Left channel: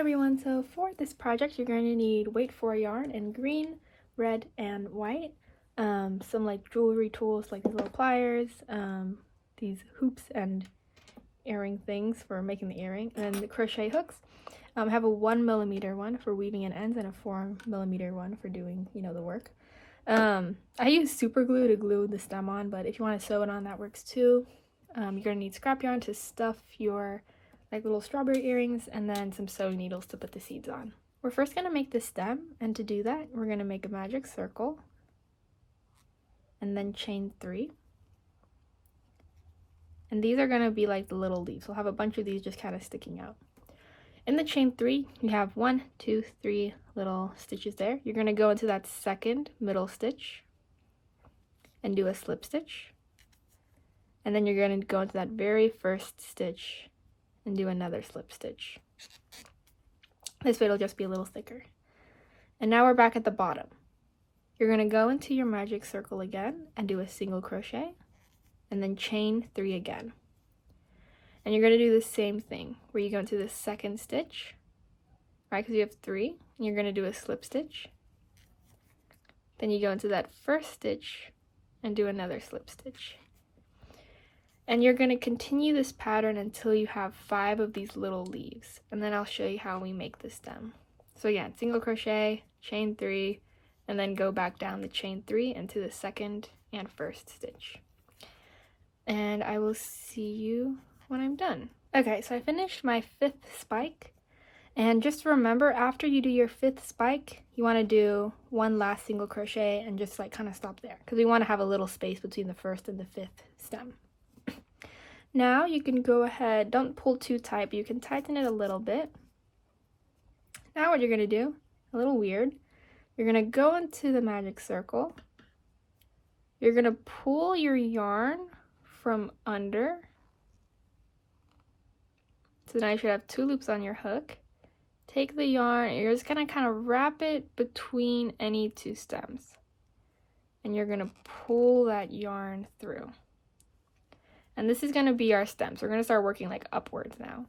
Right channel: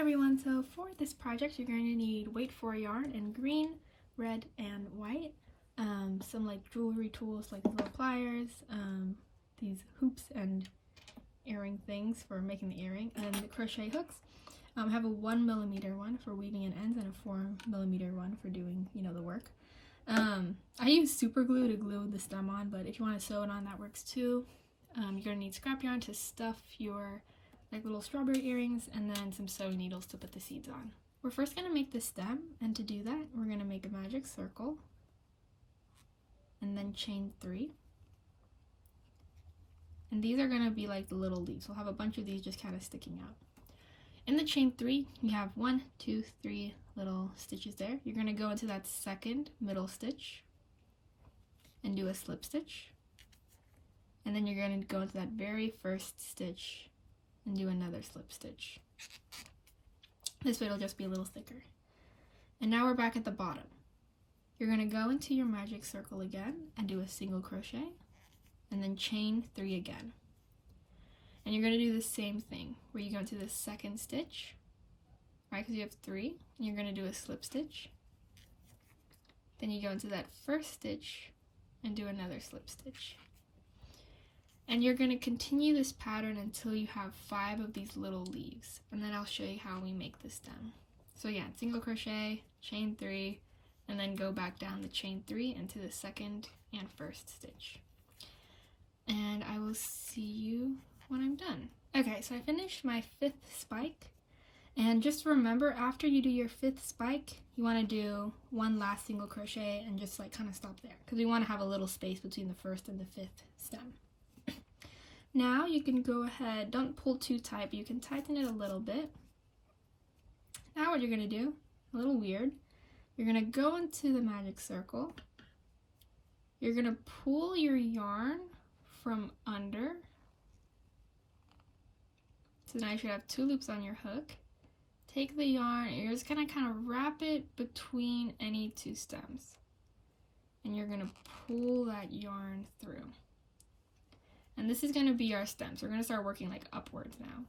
everyone, so for this project you're going to need weight for yarn in green, red, and white, some like jewelry tools like these little pliers, these hoops and earring things for making the earring, and the crochet hooks. I have a 1mm one for weaving in ends and a 4mm one for doing, the work. I use super glue to glue the stem on, but if you want to sew it on, that works too. You're going to need scrap yarn to stuff your like little strawberry earrings, and then some sewing needles to put the seeds on. We're first going to make the stem, and to do that we're going to make a magic circle and then chain 3. And these are going to be like the little leaves. We'll have a bunch of these just kind of sticking out. In the chain 3 you have 1, 2, 3 little stitches there. You're going to go into that second middle stitch and do a slip stitch, and then you're going to go into that very first stitch and do another slip stitch. This way it'll just be a little thicker. And now we're back at the bottom. You're going to go into your magic circle again and do a single crochet and then chain 3 again. And you're going to do the same thing where you go into the second stitch, right, because you have 3, and you're going to do a slip stitch. Then you go into that first stitch and do another slip stitch. And you're going to continue this pattern until you have 5 of these little leaves, and then I'll show you how we make the stem. So again, single crochet, chain 3, and then go back down the chain 3 into the second and first stitch. And I will see you when I'm done. Okay, so I finished my 5th spike, and just remember, after you do your 5th spike, you want to do one last single crochet and just like kind of stop there, because we want to have a little space between the 1st and the 5th stem. Now you can go ahead, don't pull too tight, but you can tighten it a little bit. Now what you're going to do, a little weird, you're going to go into the magic circle, you're going to pull your yarn from under, so now you should have 2 loops on your hook. Take the yarn, you're just going to kind of wrap it between any 2 stems, and you're going to pull that yarn through. And this is going to be our stem, so we're going to start working like upwards now.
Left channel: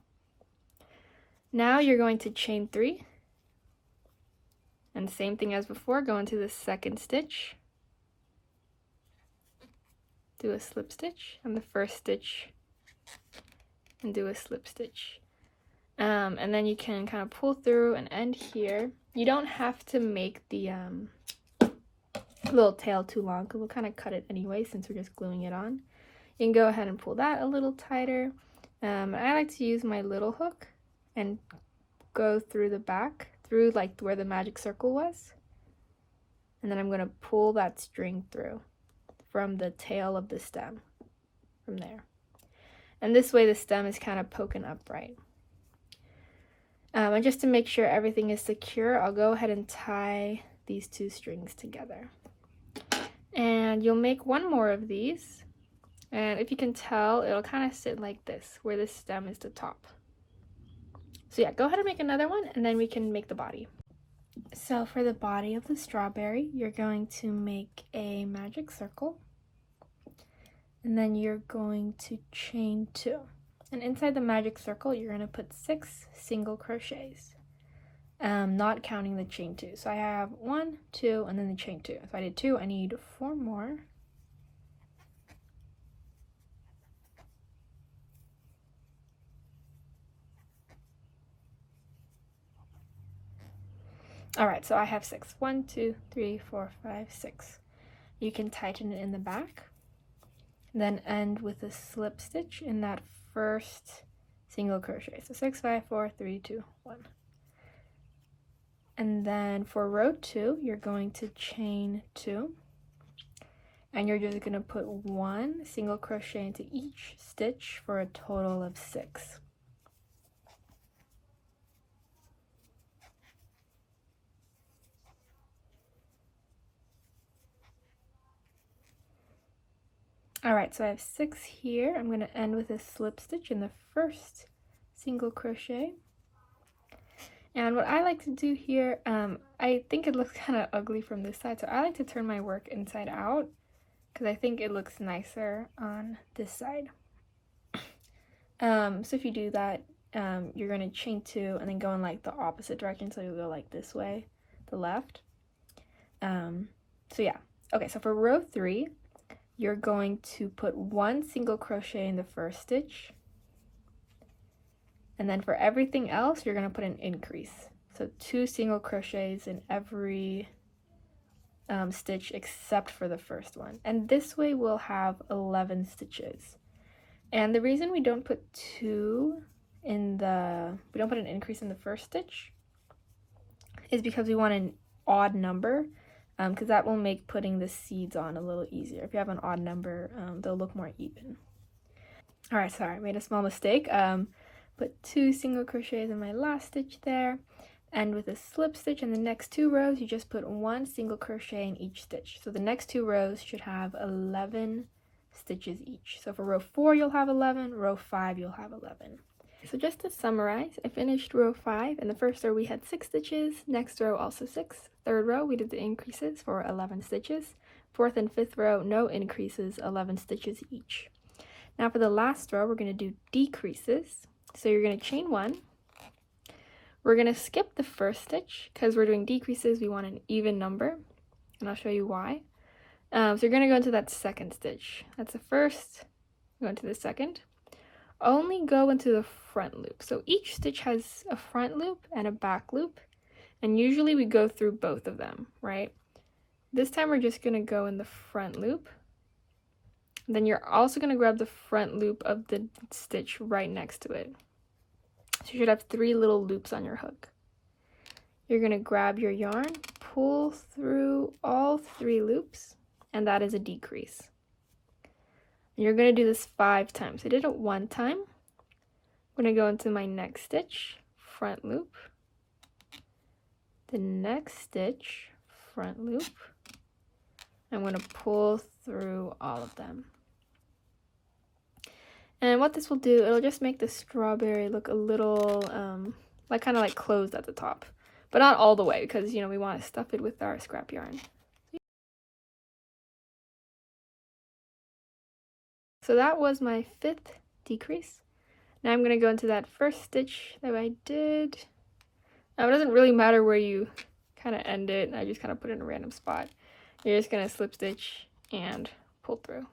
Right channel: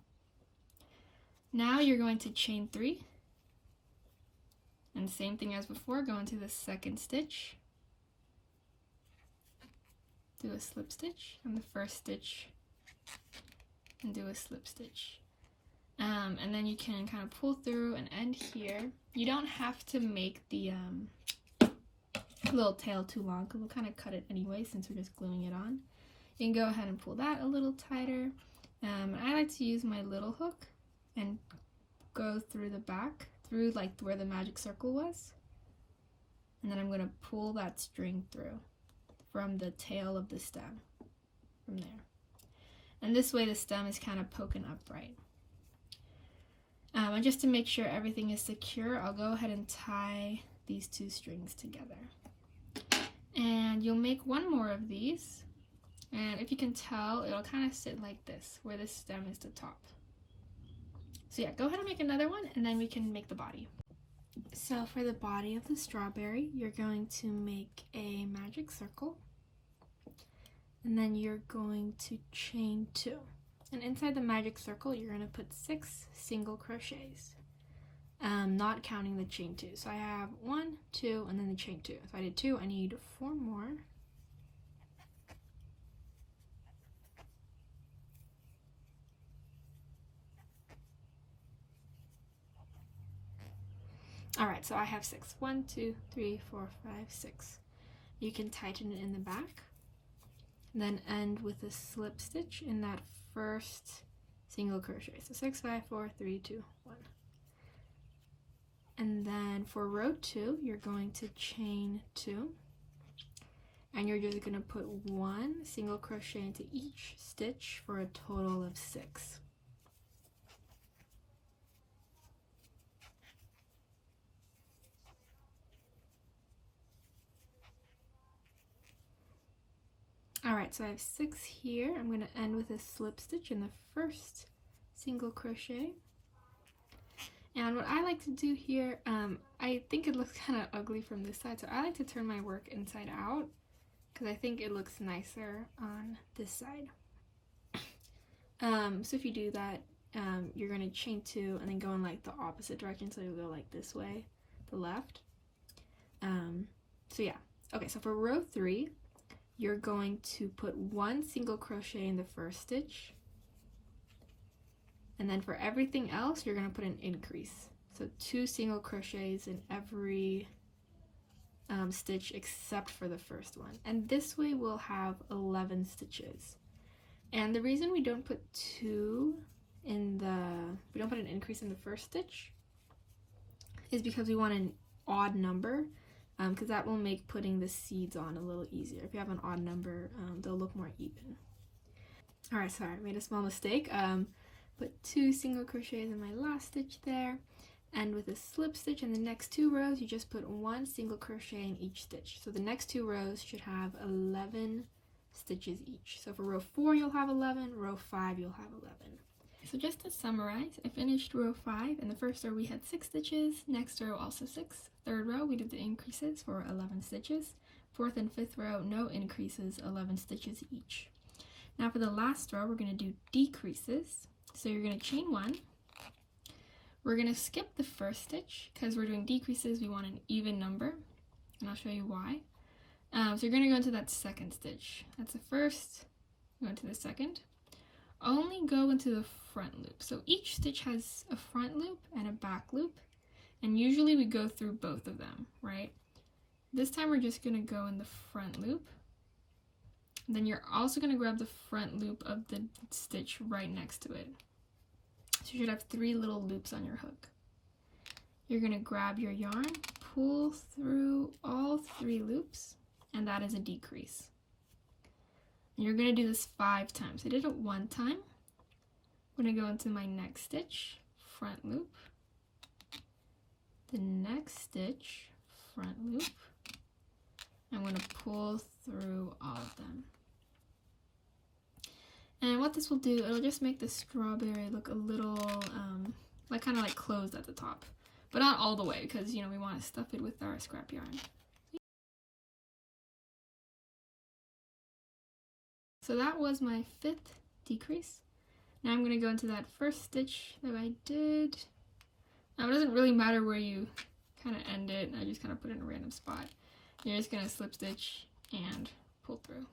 Now you're going to chain 3, and same thing as before, go into the second stitch, do a slip stitch, and the first stitch, and do a slip stitch. And then you can kind of pull through and end here. You don't have to make the little tail too long, because we'll kind of cut it anyway since we're just gluing it on. You can go ahead and pull that a little tighter. I like to use my little hook and go through the back, through like where the magic circle was. And then I'm going to pull that string through from the tail of the stem, from there. And this way the stem is kind of poking upright. And just to make sure everything is secure, I'll go ahead and tie these 2 strings together. And you'll make 1 more of these. And if you can tell, it'll kind of sit like this, where the stem is the top. So yeah, go ahead and make another one, and then we can make the body. So for the body of the strawberry, you're going to make a magic circle, and then you're going to chain 2. And inside the magic circle, you're going to put 6 single crochets, not counting the chain 2. So I have 1, 2, and then the chain 2. So I did 2, I need 4 more. Alright, so I have 6. 1, 2, 3, 4, 5, 6. You can tighten it in the back, then end with a slip stitch in that first single crochet. So 6, 5, 4, 3, 2, 1. And then for row 2, you're going to chain 2, and you're just going to put 1 single crochet into each stitch for a total of 6. Alright, so I have 6 here. I'm going to end with a slip stitch in the first single crochet. And what I like to do here, I think it looks kind of ugly from this side, so I like to turn my work inside out, because I think it looks nicer on this side. So if you do that, you're going to chain 2 and then go in like the opposite direction, so you'll go like this way, the left. So yeah, okay, so for row 3, you're going to put 1 single crochet in the first stitch, and then for everything else you're going to put an increase, so 2 single crochets in every stitch except for the first one, and this way we'll have 11 stitches. And the reason we don't put we don't put an increase in the first stitch is because we want an odd number, because that will make putting the seeds on a little easier. If you have an odd number, they'll look more even. Alright, sorry, I made a small mistake. Put 2 single crochets in my last stitch there, and with a slip stitch in the next 2 rows, you just put 1 single crochet in each stitch. So the next 2 rows should have 11 stitches each. So for row 4 you'll have 11, row 5 you'll have 11. So just to summarize, I finished row 5. In the first row we had 6 stitches, next row also 6. Third row we did the increases for 11 stitches. Fourth and fifth row, no increases, 11 stitches each. Now for the last row, we're going to do decreases. So you're going to chain 1. We're going to skip the first stitch because we're doing decreases, we want an even number, and I'll show you why. So you're going to go into that second stitch. That's the first, go into the second. Only go into the front loop. So each stitch has a front loop and a back loop, and usually we go through both of them, right? This time we're just going to go in the front loop. Then you're also going to grab the front loop of the stitch right next to it. So you should have 3 little loops on your hook. You're going to grab your yarn, pull through all 3 loops, and that is a decrease. And you're going to do this 5 times. I did it 1 time. I'm going to go into my next stitch, front loop, the next stitch, front loop. I'm going to pull through all of them. And what this will do, it'll just make the strawberry look a little, like kind of like closed at the top. But not all the way, because, you know, we want to stuff it with our scrap yarn. So that was my 5th decrease. Now I'm going to go into that first stitch that I did. Now it doesn't really matter where you kind of end it. I just kind of put it in a random spot. You're just going to slip stitch and pull through.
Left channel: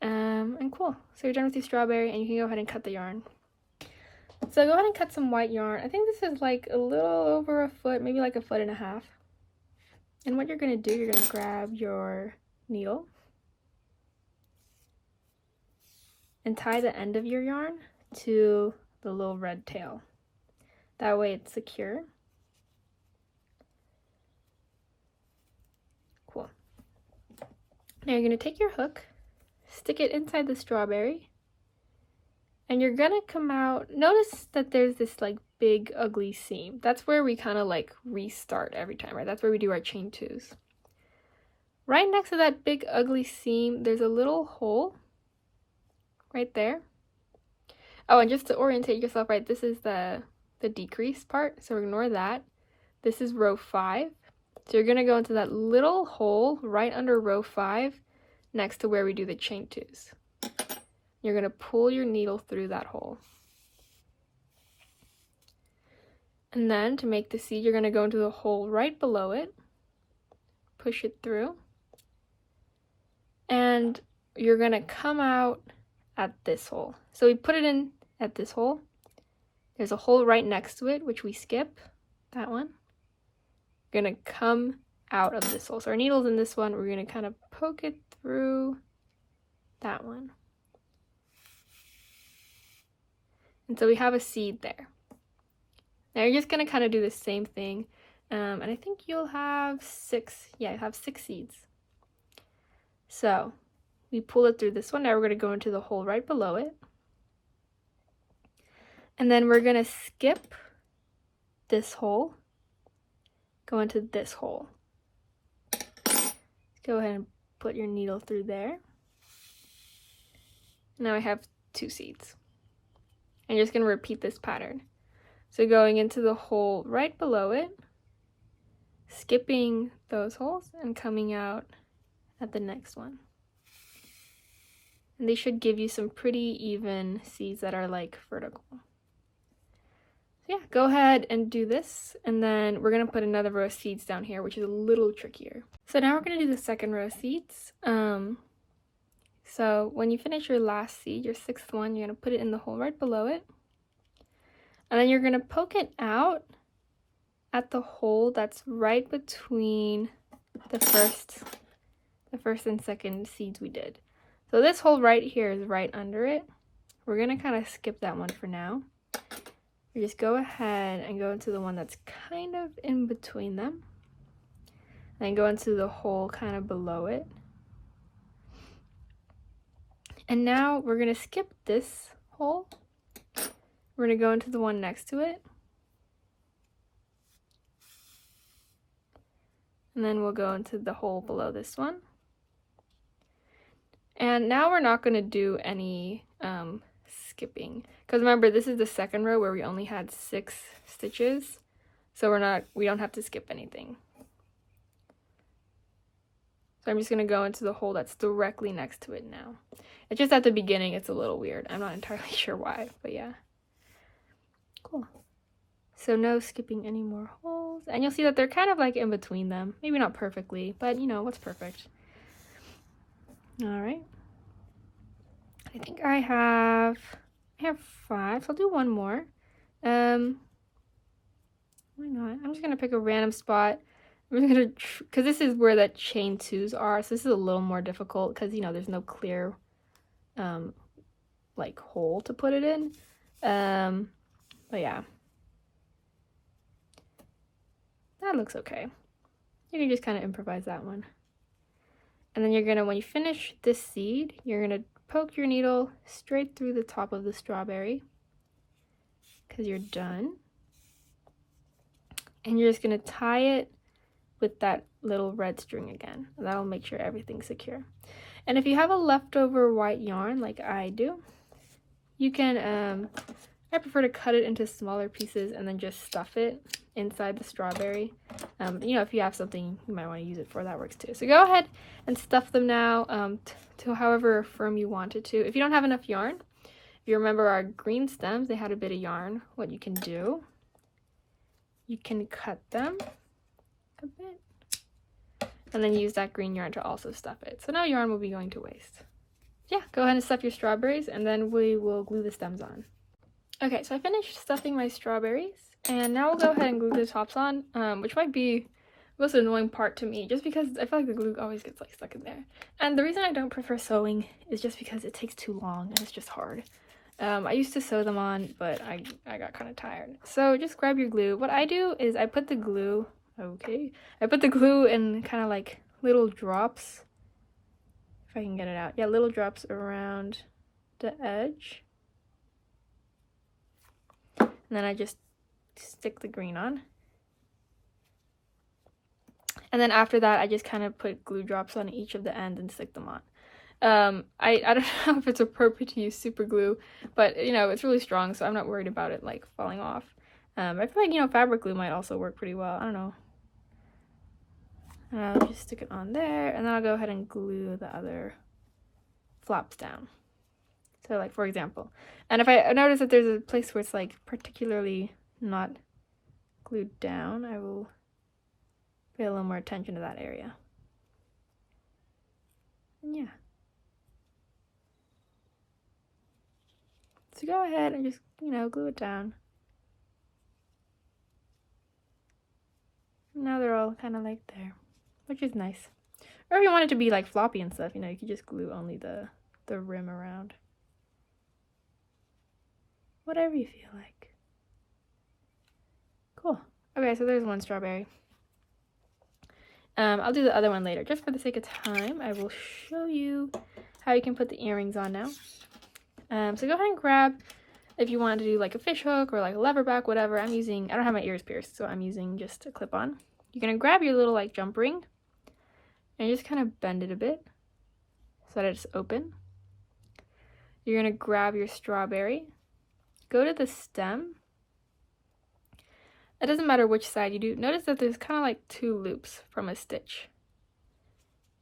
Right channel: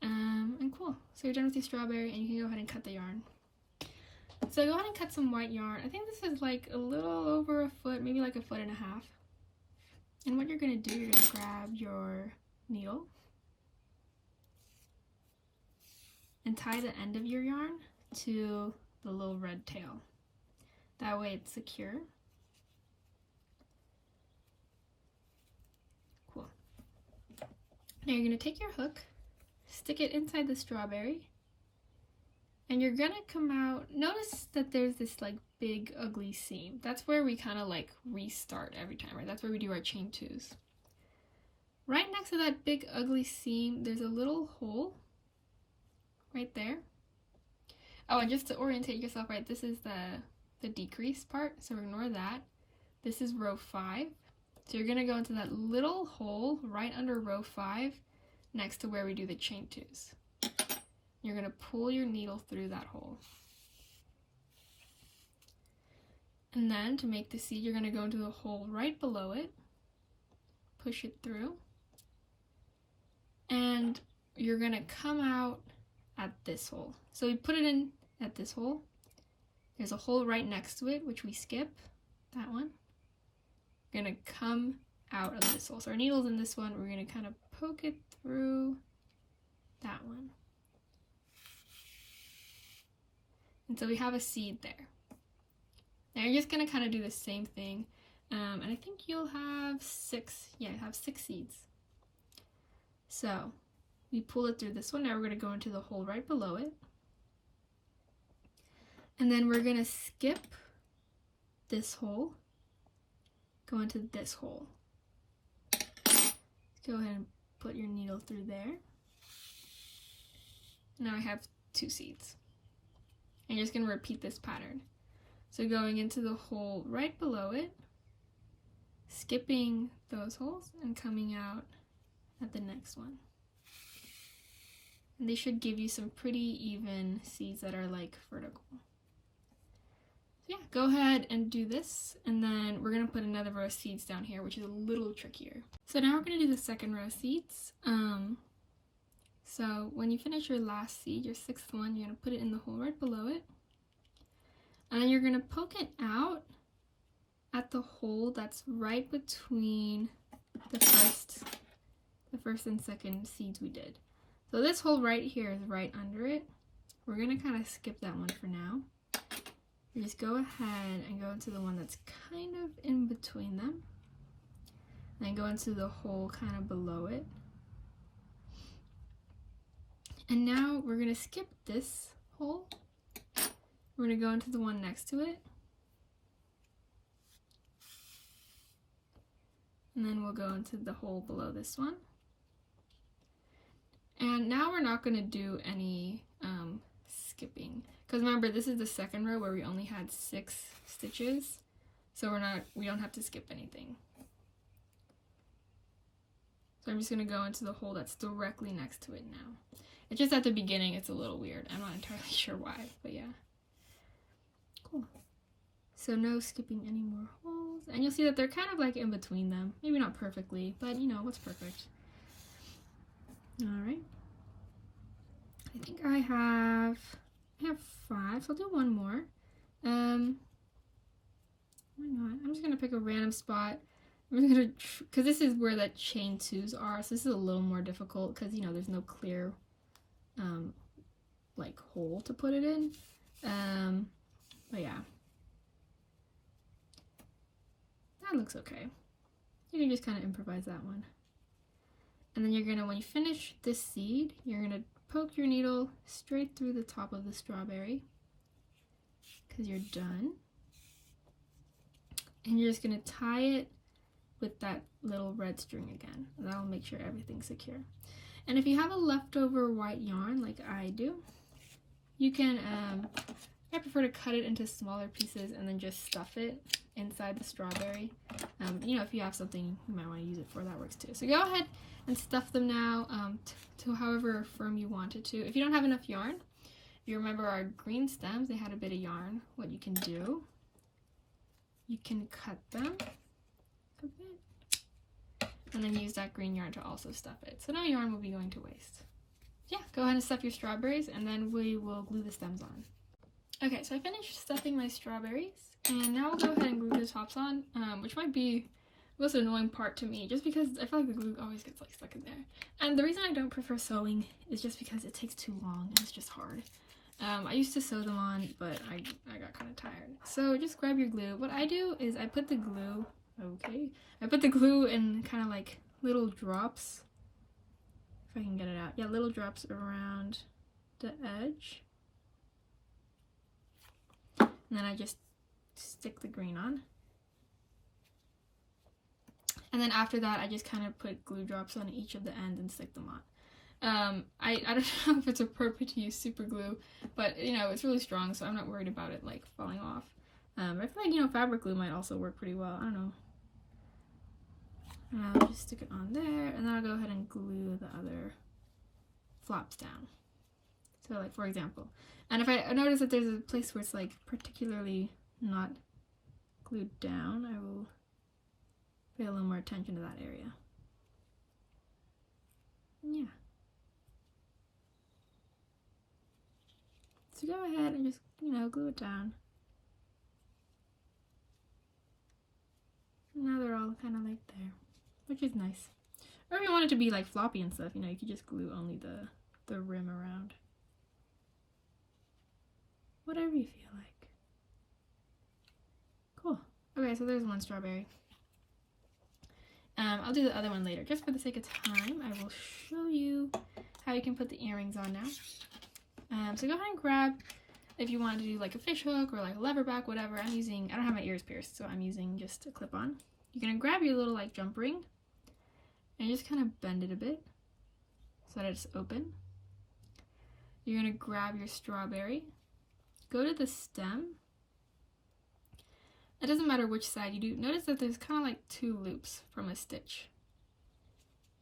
And cool. So you're done with your strawberry, and you can go ahead and cut the yarn. So go ahead and cut some white yarn. I think this is like a little over a foot, maybe like 1.5 feet. And what you're going to do, you're going to grab your needle and tie the end of your yarn to the little red tail. That way it's secure. Cool. Now you're going to take your hook, stick it inside the strawberry, and you're gonna come out. Notice that there's this like big ugly seam. That's where we kind of like restart every time, right? That's where we do our chain 2s. Right next to that big ugly seam, there's a little hole right there. Oh, and just to orientate yourself, right, this is the decrease part, so ignore that. This is row 5. So you're gonna go into that little hole right under row 5 next to where we do the chain 2s. You're going to pull your needle through that hole. And then to make the seed, you're going to go into the hole right below it, push it through, and you're going to come out at this hole. So we put it in at this hole. There's a hole right next to it, which we skip, that one. We're going to come out of this hole. So our needle's in this one. We're going to kind of poke it through that one. And so we have a seed there. Now you're just going to kind of do the same thing. And I think you'll have 6. Yeah, you have 6 seeds. So we pull it through this one. Now we're going to go into the hole right below it. And then we're going to skip this hole, go into this hole. Go ahead and put your needle through there. Now I have 2 seeds. I'm just going to repeat this pattern. So going into the hole right below it, skipping those holes, and coming out at the next one. And they should give you some pretty even seeds that are like vertical. So yeah, go ahead and do this, and then we're gonna put another row of seeds down here, which is a little trickier. So now we're gonna do the second row of seeds. So when you finish your last seed, your sixth one, you're gonna put it in the hole right below it, and then you're gonna poke it out at the hole that's right between the first and second seeds we did. So this hole right here is right under it. We're gonna kind of skip that one for now. You just go ahead and go into the one that's kind of in between them, and go into the hole kind of below it. And now we're gonna skip this hole. We're gonna go into the one next to it, and then we'll go into the hole below this one. And now we're not gonna do any skipping, because remember, this is the second row where we only had 6 stitches, so we don't have to skip anything. So I'm just gonna go into the hole that's directly next to it now. It's just at the beginning it's a little weird. I'm not entirely sure why, but yeah. Cool. So no skipping any more holes, and you'll see that they're kind of like in between them. Maybe not perfectly, but you know, what's perfect? All right. I think I have 5, so I'll do one more. Why not? I'm just gonna pick a random spot. I'm just gonna, because this is where the chain 2s are, so this is a little more difficult because, you know, there's no clear like hole to put it in. But yeah, that looks okay. You can just kind of improvise that one. And then you're gonna, when you finish this seed, you're gonna poke your needle straight through the top of the strawberry, because you're done. And you're just gonna tie it with that little red string again. That'll make sure everything's secure. And if you have a leftover white yarn like I do, you can, I prefer to cut it into smaller pieces and then just stuff it inside the strawberry. You know, if you have something you might want to use it for, that works too. So go ahead and stuff them now to however firm you want it to. If you don't have enough yarn, if you remember our green stems, they had a bit of yarn. What you can do, you can cut them a bit and then use that green yarn to also stuff it. So no yarn will be going to waste. Yeah, go ahead and stuff your strawberries, and then we will glue the stems on. Okay, so I finished stuffing my strawberries, and now we'll go ahead and glue the tops on, which might be the most annoying part to me, just because I feel like the glue always gets like stuck in there. And the reason I don't prefer sewing is just because it takes too long and it's just hard. I used to sew them on, but I got kind of tired. So just grab your glue. What I do is I put the glue, I put the glue in kind of like little drops, if I can get it out. Yeah, little drops around the edge. And then I just stick the green on. And then after that, I just kind of put glue drops on each of the ends and stick them on. I don't know if it's appropriate to use super glue, but you know, it's really strong, so I'm not worried about it like falling off. I feel like, you know, fabric glue might also work pretty well. I don't know. And I'll just stick it on there, and then I'll go ahead and glue the other flaps down. So like, for example, and if I notice that there's a place where it's like particularly not glued down, I will pay a little more attention to that area. And yeah. So go ahead and just, you know, glue it down. Now they're all kind of like there, which is nice. Or if you want it to be like floppy and stuff, you know, you could just glue only the rim around. Whatever you feel like. Cool. Okay, so there's one strawberry. I'll do the other one later. Just for the sake of time, I will show you how you can put the earrings on now. So go ahead and grab, if you want to do like a fish hook or like a lever back, whatever. I don't have my ears pierced, so I'm using just a clip on. You're going to grab your little like jump ring and just kind of bend it a bit so that it's open. You're going to grab your strawberry, go to the stem. It doesn't matter which side you do. Notice that there's kind of like 2 loops from a stitch.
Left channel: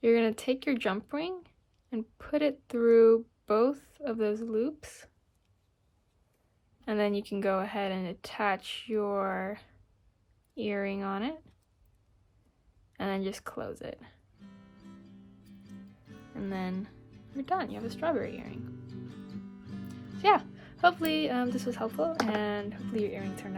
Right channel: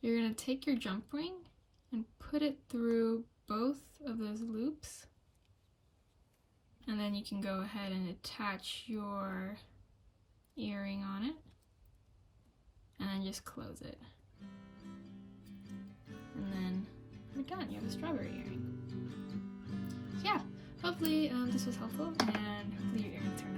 You're going to take your jump ring and put it through both of those loops And then you can go ahead and attach your earring on it. And then just close it. And then you're done. You have a strawberry earring. So yeah, hopefully this was helpful, and hopefully your earring turned